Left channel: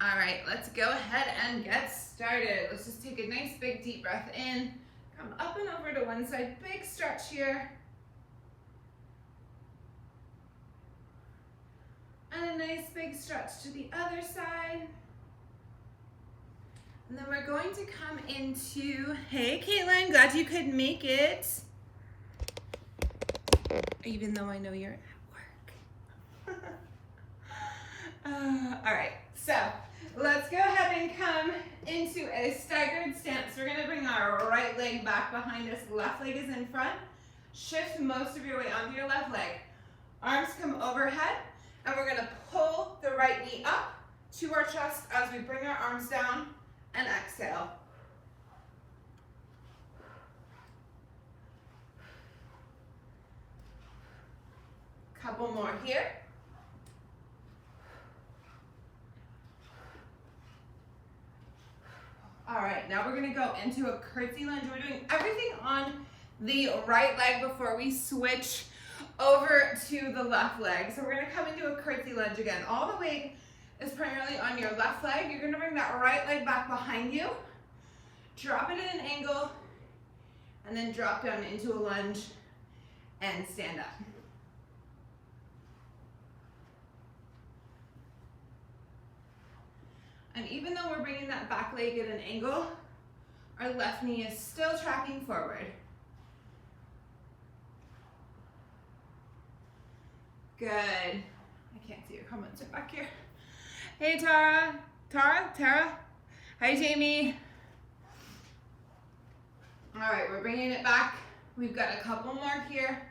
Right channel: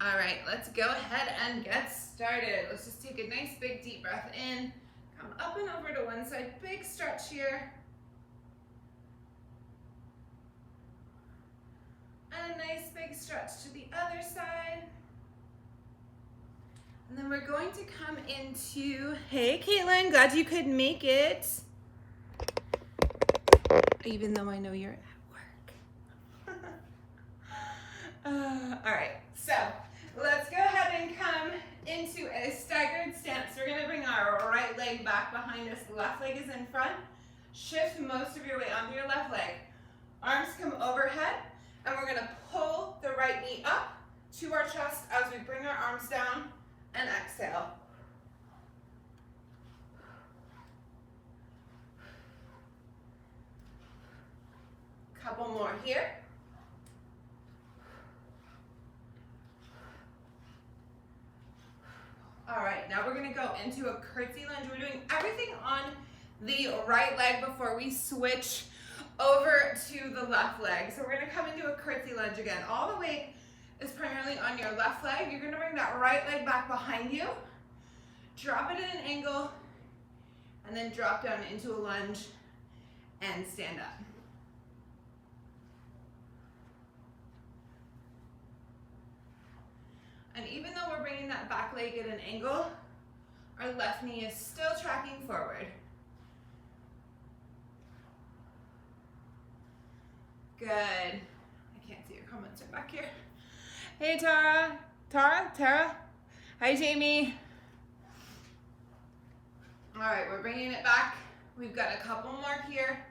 All right, let's go ahead and get started. Let's just take a nice big deep breath in. Come up and over to one side, big stretch here. And a nice big stretch to the other side. And then we're going to come into, hey Caitlin, glad you could make it. Even though I know you're at work. All right, so let's go ahead and come into a staggered stance. We're gonna bring our right leg back behind us, left leg is in front. Shift most of your weight onto your left leg. Arms come overhead, and we're gonna pull the right knee up to our chest as we bring our arms down and exhale. Couple more here. All right, now we're gonna go into a curtsy lunge. We're doing everything on the right leg before we switch over to the left leg. So we're gonna come into a curtsy lunge again. All the weight is primarily on your left leg. You're gonna bring that right leg back behind you, drop it at an angle, and then drop down into a lunge and stand up. And even though we're bringing that back leg at an angle, our left knee is still tracking forward. Good. I can't see your comments right back here. Hey Tara. Tara. Hi Jamie. All right, we're bringing it back. We've got a couple more here.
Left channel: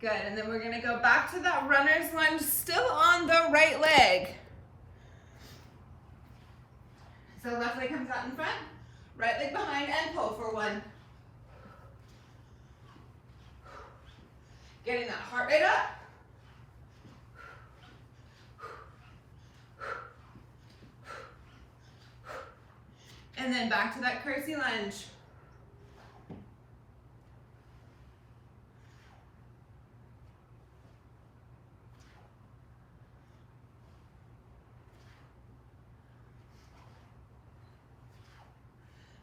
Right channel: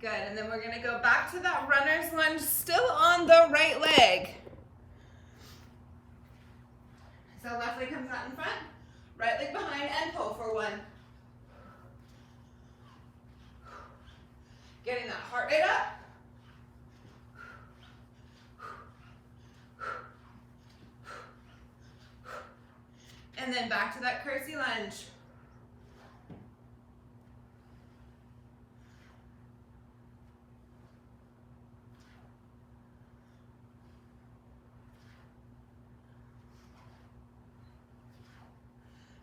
Good, and then we're gonna go back to that runner's lunge, still on the right leg. So left leg comes out in front, right leg behind, and pull for one. Getting that heart rate up. And then back to that curtsy lunge.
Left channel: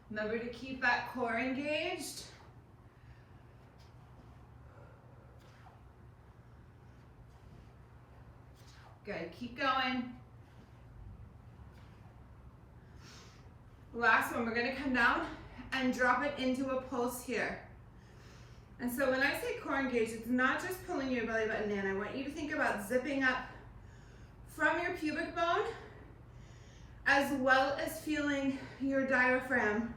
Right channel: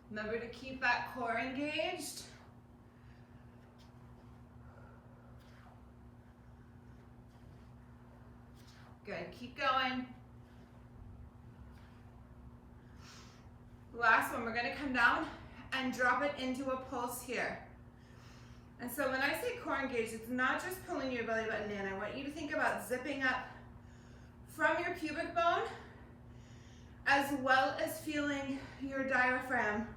Remember to keep that core engaged. Good, keep going. Last one, we're gonna come down and drop it into a pulse here. And so when I say core engaged, it's not just pulling your belly button in. I want you to think about zipping up from your pubic bone, as well as feeling your diaphragm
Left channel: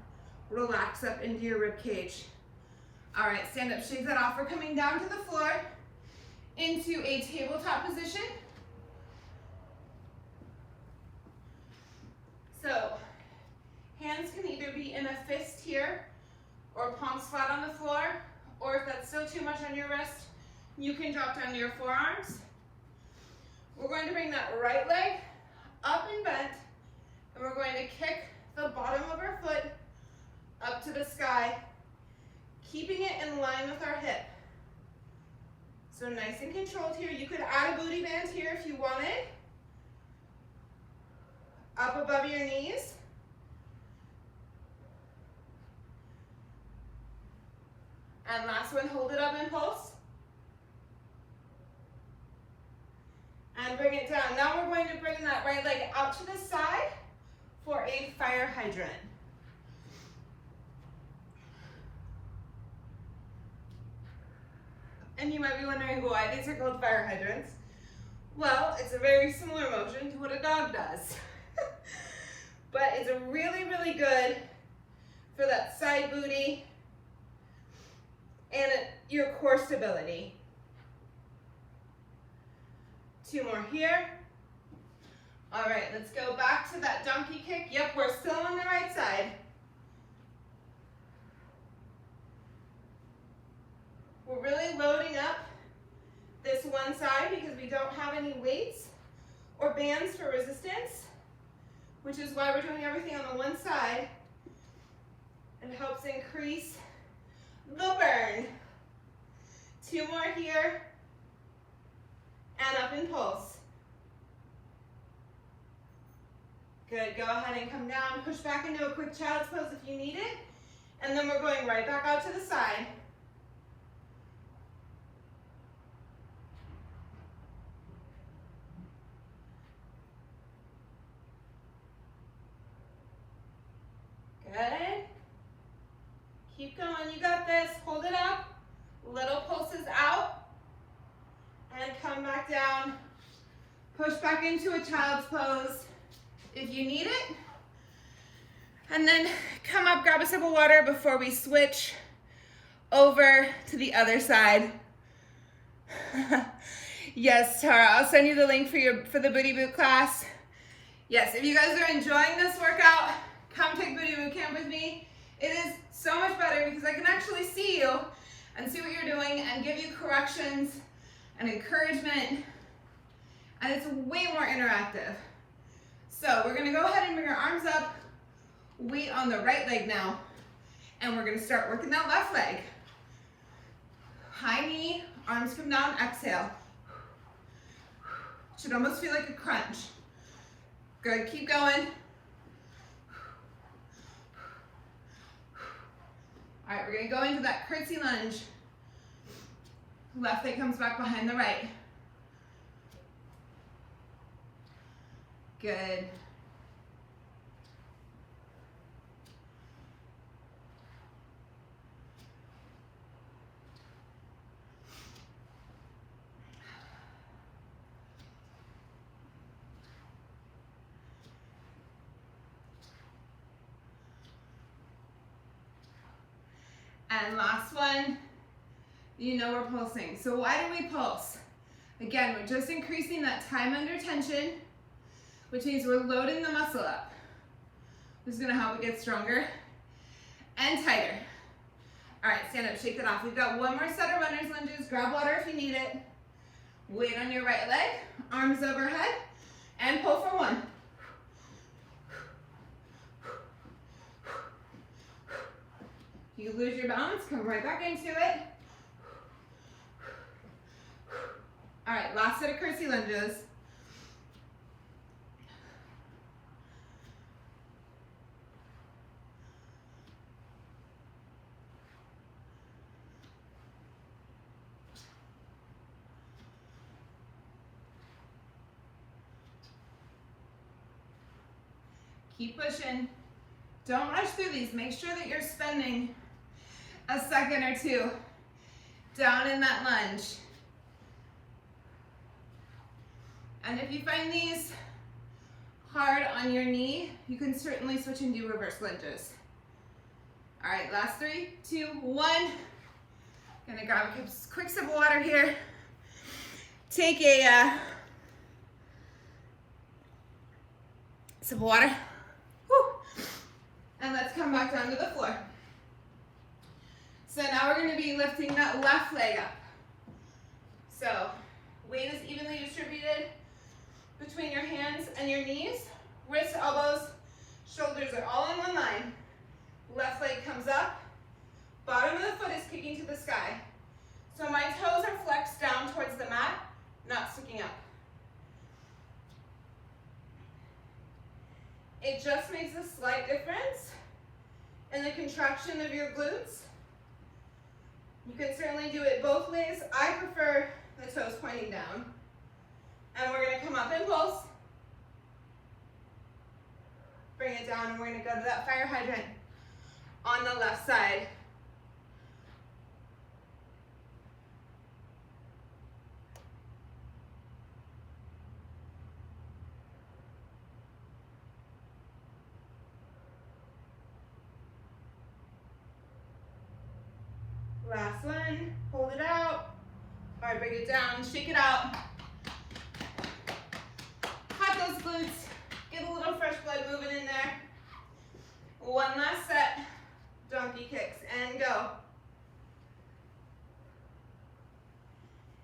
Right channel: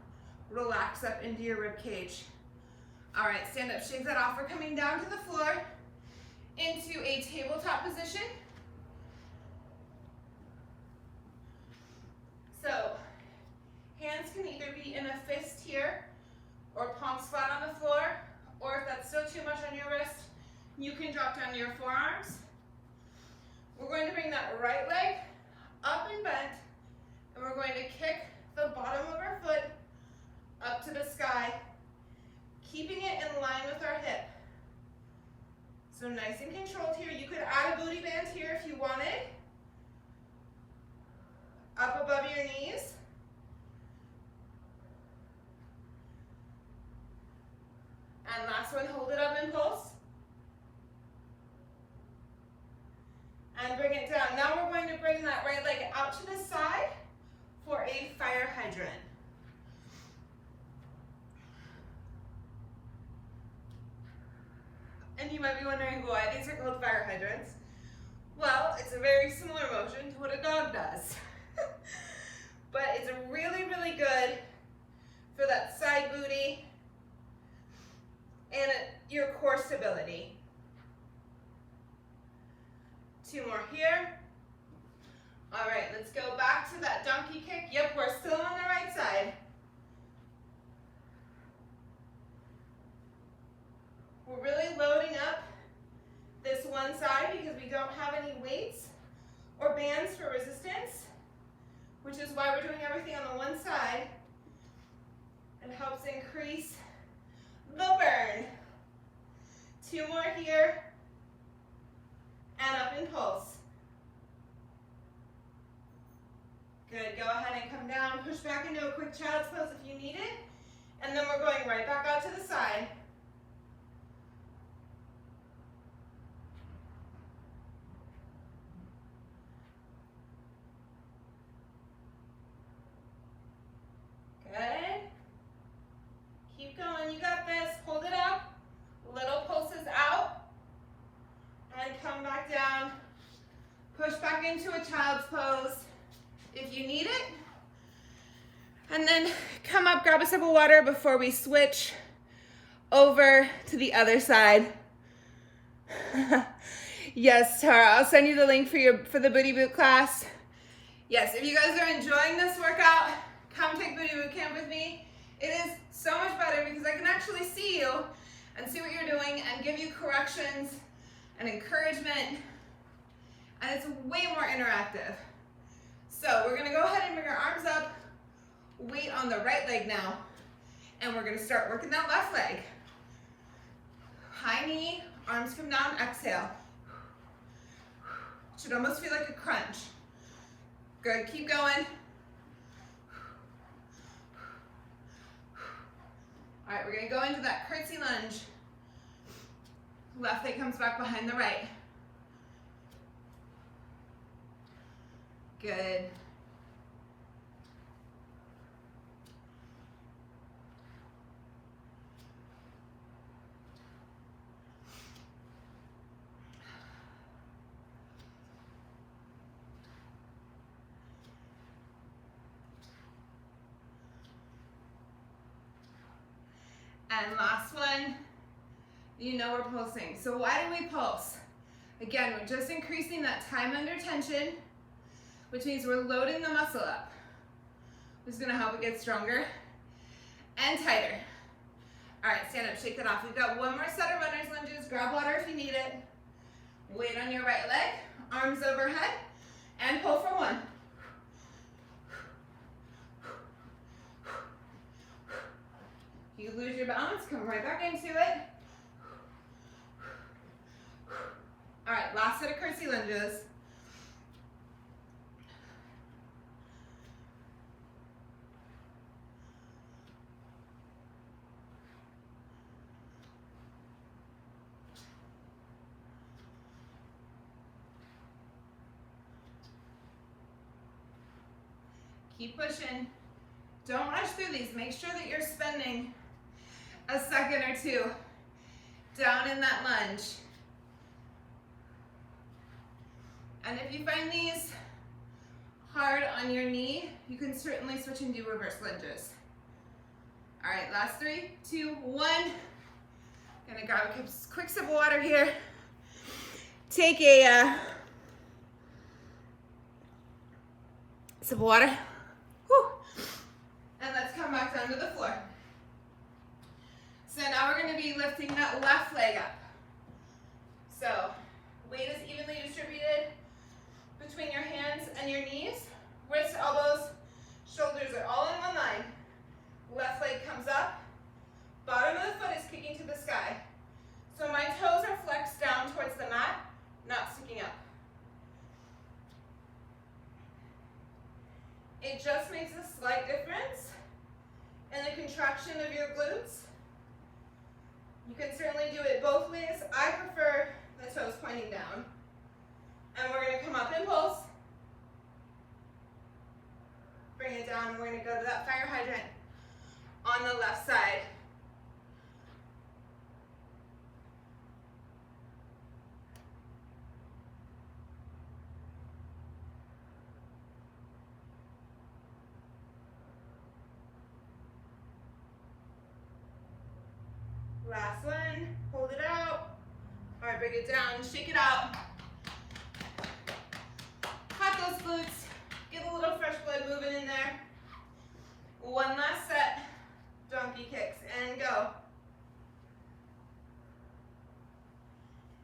relax up into your rib cage. All right, stand up, shake that off. We're coming down to the floor into a tabletop position. So hands can either be in a fist here or palms flat on the floor, or if that's still too much on your wrist, you can drop down to your forearms. We're going to bring that right leg up and bent, and we're going to kick the bottom of our foot up to the sky, keeping it in line with our hip. So nice and controlled here. You could add a booty band here if you wanted. Up above your knees. And last one, hold it up and pulse. And bring it down. Now we're going to bring that right leg out to the side for a fire hydrant. And you might be wondering why these are called fire hydrants. Well, it's a very similar motion to what a dog does. But it's really, really good for that side booty and your core stability. Two more here. All right, let's go back to that donkey kick. Yep, we're still on the right side. We're really loading up this one side because we don't have any weights or bands for resistance, which is why we're doing everything on the one side It helps increase the burn. 2 more here. And up in pulse. Good, go ahead and come down, push back into a quick child's pose if you need it. And then we're going right back out to the side. Good. Keep going, you got this. Hold it up. Little pulses out. And come back down. Push back into a child's pose if you need it. And then come up, grab a sip of water before we switch over to the other side. Yes, Tara, I'll send you the link for the Booty Boot class. Yes, if you guys are enjoying this workout, come take Booty Boot Camp with me. It is so much better because I can actually see you and see what you're doing and give you corrections and encouragement, and it's way more interactive. So we're gonna go ahead and bring our arms up, weight on the right leg now, and we're gonna start working that left leg. High knee, arms come down, exhale. Should almost feel like a crunch. Good, keep going. All right, we're gonna go into that curtsy lunge. Left leg comes back behind the right. Good. And last one, you know we're pulsing. So why do we pulse? Again, we're just increasing that time under tension, which means we're loading the muscle up, which is gonna help it get stronger and tighter. All right, stand up, shake it off. We've got one more set of runner's lunges. Grab water if you need it. Weight on your right leg, arms overhead, and pull for 1. You lose your balance, come right back into it. All right, last set of curtsy lunges. Keep pushing. Don't rush through these. Make sure that you're spending a second or two down in that lunge. And if you find these hard on your knee, you can certainly switch and do reverse lunges. All right, last 3, 2, 1. Gonna grab a quick sip of water here. Take a sip of water. Whew. And let's come back down to the floor. So now we're gonna be lifting that left leg up. So weight is evenly distributed between your hands and your knees. Wrists, elbows, shoulders are all in one line. Left leg comes up. Bottom of the foot is kicking to the sky. So my toes are flexed down towards the mat, not sticking up. It just makes a slight difference in the contraction of your glutes. You can certainly do it both ways. I prefer the toes pointing down. And we're gonna come up in pulse. Bring it down, and we're gonna go to that fire hydrant on the left side. Last one, hold it out. All right, bring it down, shake it out. Hot those glutes, get a little fresh blood moving in there. One last set, donkey kicks, and go.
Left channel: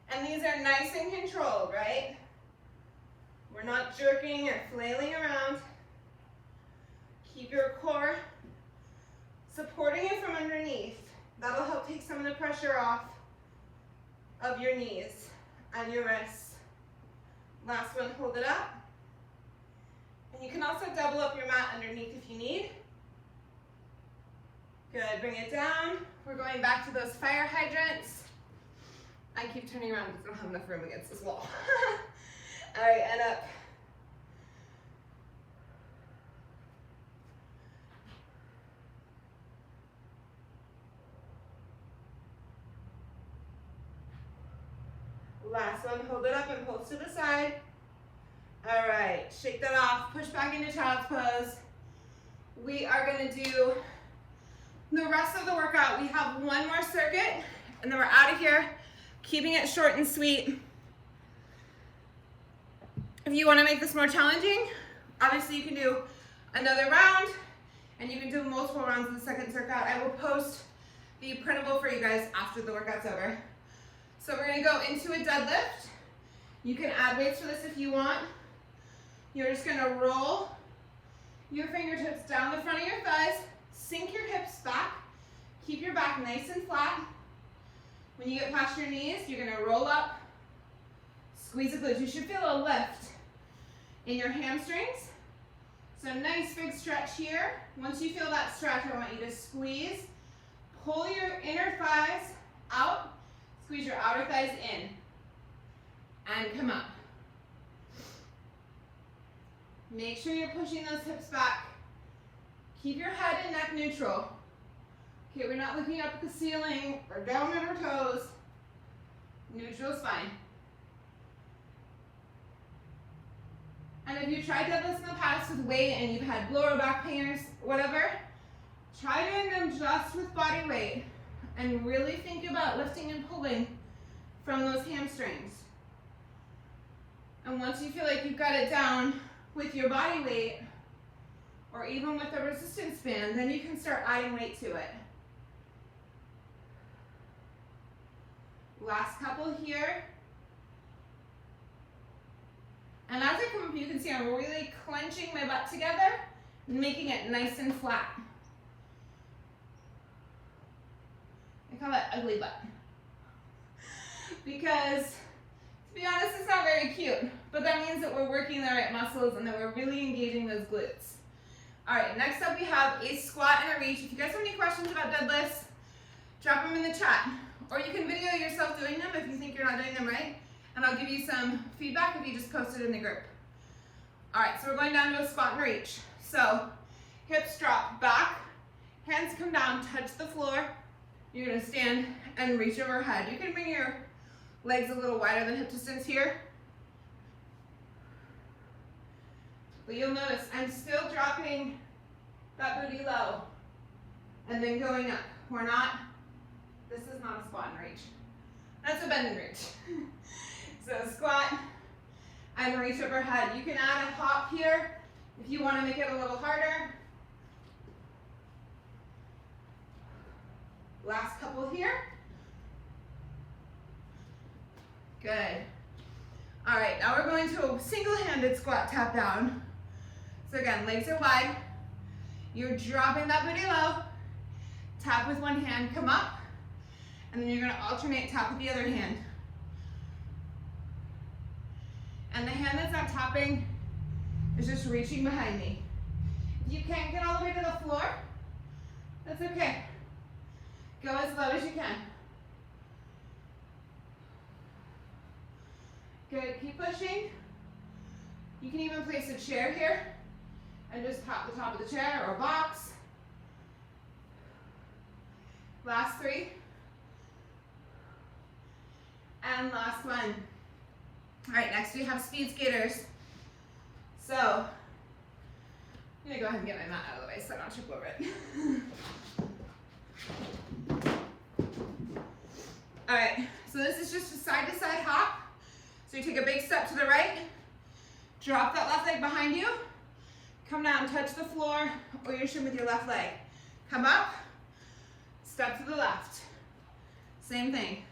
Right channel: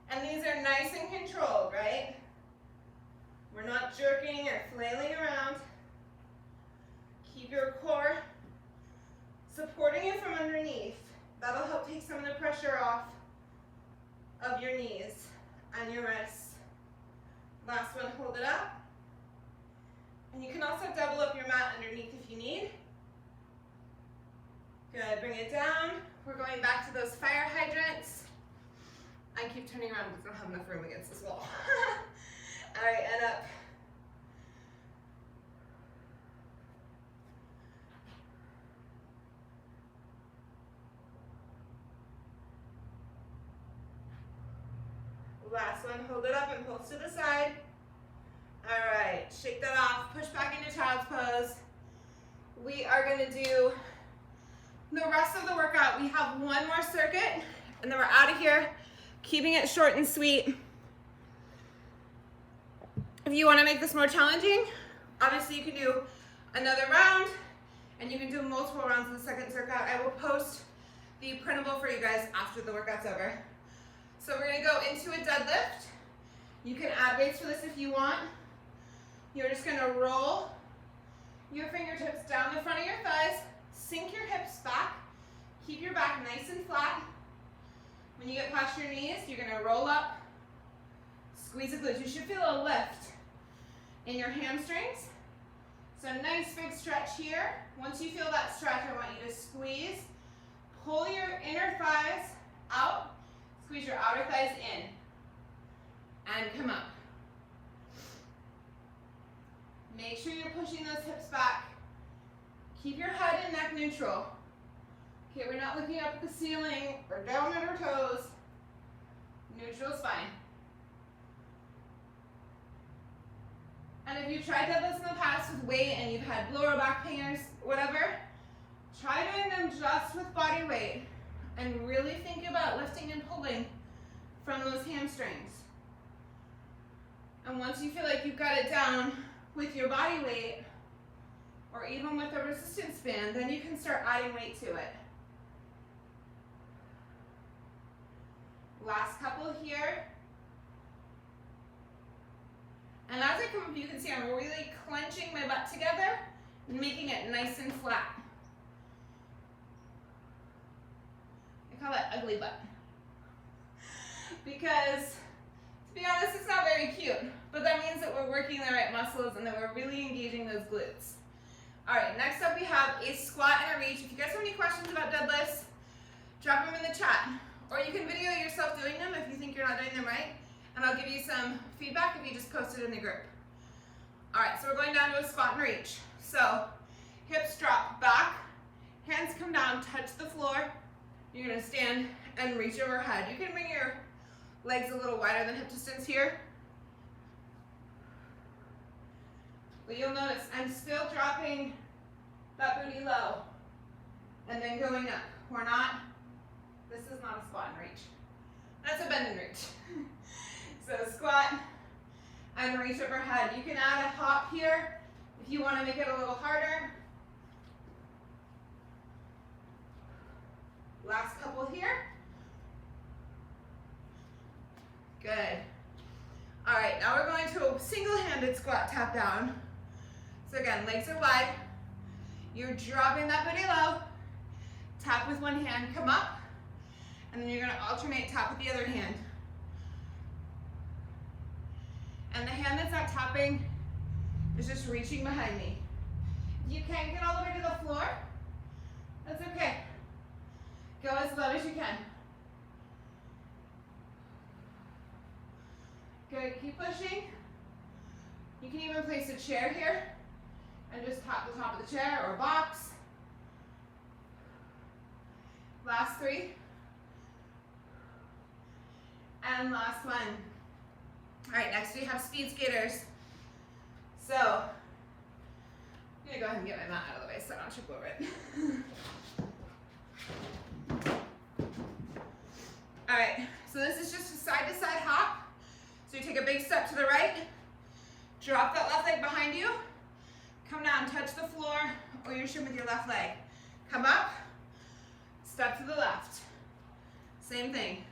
And these are nice and controlled, right? We're not jerking or flailing around. Keep your core supporting you from underneath. That'll help take some of the pressure off of your knees and your wrists. Last one, hold it up. And you can also double up your mat underneath if you need. Good, bring it down. We're going back to those fire hydrants. I keep turning around because I don't have enough room against this wall. All right, and up. Last one, hold it up and pulse to the side. All right, shake that off, push back into child's pose. We are gonna do the rest of the workout. We have one more circuit and then we're out of here, keeping it short and sweet. If you wanna make this more challenging, obviously you can do another round and you can do multiple rounds in the second circuit. I will post the printable for you guys after the workout's over. So we're gonna go into a deadlift. You can add weights for this if you want. You're just gonna roll your fingertips down the front of your thighs, sink your hips back, keep your back nice and flat. When you get past your knees, you're gonna roll up, squeeze the glutes. You should feel a lift in your hamstrings. So nice big stretch here. Once you feel that stretch, I want you to squeeze, pull your inner thighs out, squeeze your outer thighs in, and come up. Make sure you're pushing those hips back. Keep your head and neck neutral. Okay, we're not looking up at the ceiling or down at our toes. Neutral is fine. And if you've tried deadlifts in the past with weight and you've had lower back pain or whatever, try doing them just with body weight and really think about lifting and pulling from those hamstrings. And once you feel like you've got it down with your body weight, or even with a resistance band, then you can start adding weight to it. Last couple here. And as I come up, you can see I'm really clenching my butt together and making it nice and flat. I call it ugly butt. Because, to be honest, it's not very cute, but that means that we're working the right muscles and that we're really engaging those glutes. All right, next up we have a squat and a reach. If you guys have any questions about deadlifts, drop them in the chat. Or you can video yourself doing them if you think you're not doing them right, and I'll give you some feedback if you just post it in the group. All right, so we're going down to a squat and reach. So, hips drop back, hands come down, touch the floor. You're gonna stand and reach overhead. You can bring your legs a little wider than hip distance here. But you'll notice I'm still dropping that booty low and then going up. This is not a squat and reach. That's a bend and reach. So squat and reach overhead. You can add a hop here if you want to make it a little harder. Last couple here. Good. All right, now we're going to a single-handed squat tap down. So again, legs are wide. You're dropping that booty low. Tap with one hand, come up. And then you're gonna alternate tap with the other hand. And the hand that's not tapping is just reaching behind me. If you can't get all the way to the floor, that's okay. Go as low as you can. Good, keep pushing. You can even place a chair here and just tap the top of the chair or a box. Last three. And last one. All right, next we have speed skaters. So, I'm gonna go ahead and get my mat out of the way so I don't trip over it. All right, so this is just a side-to-side hop. So you take a big step to the right, drop that left leg behind you, come down, touch the floor or your shin with your left leg. Come up, step to the left. Same thing,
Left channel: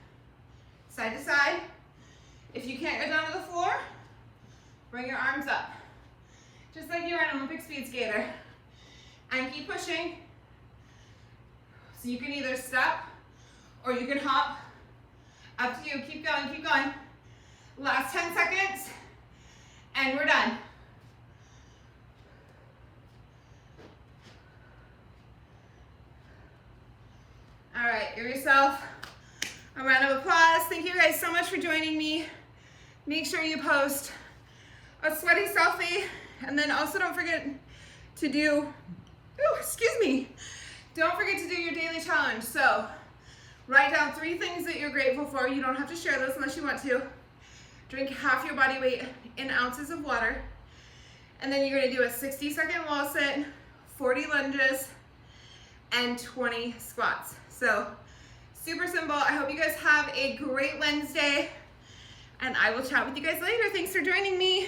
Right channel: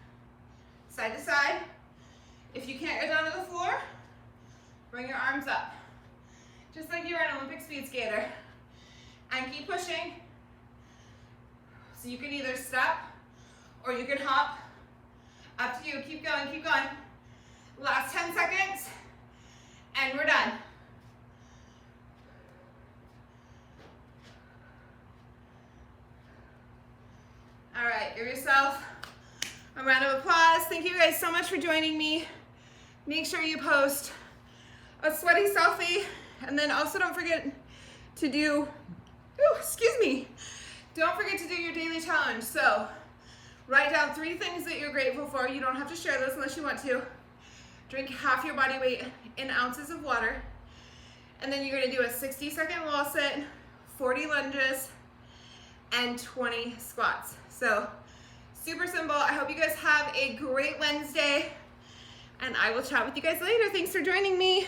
side to side. If you can't get down to the floor, bring your arms up. Just like you're an Olympic speed skater. And keep pushing. So you can either step or you can hop. Up to you. Keep going, keep going. Last 10 seconds, and we're done. All right, give yourself a round of applause. Thank you guys so much for joining me. Make sure you post a sweaty selfie, and then also don't forget to do, don't forget to do your daily challenge. So write down 3 things that you're grateful for. You don't have to share those unless you want to. Drink half your body weight in ounces of water. And then you're gonna do a 60-second wall sit, 40 lunges, and 20 squats. So super simple. I hope you guys have a great Wednesday, and I will chat with you guys later. Thanks for joining me.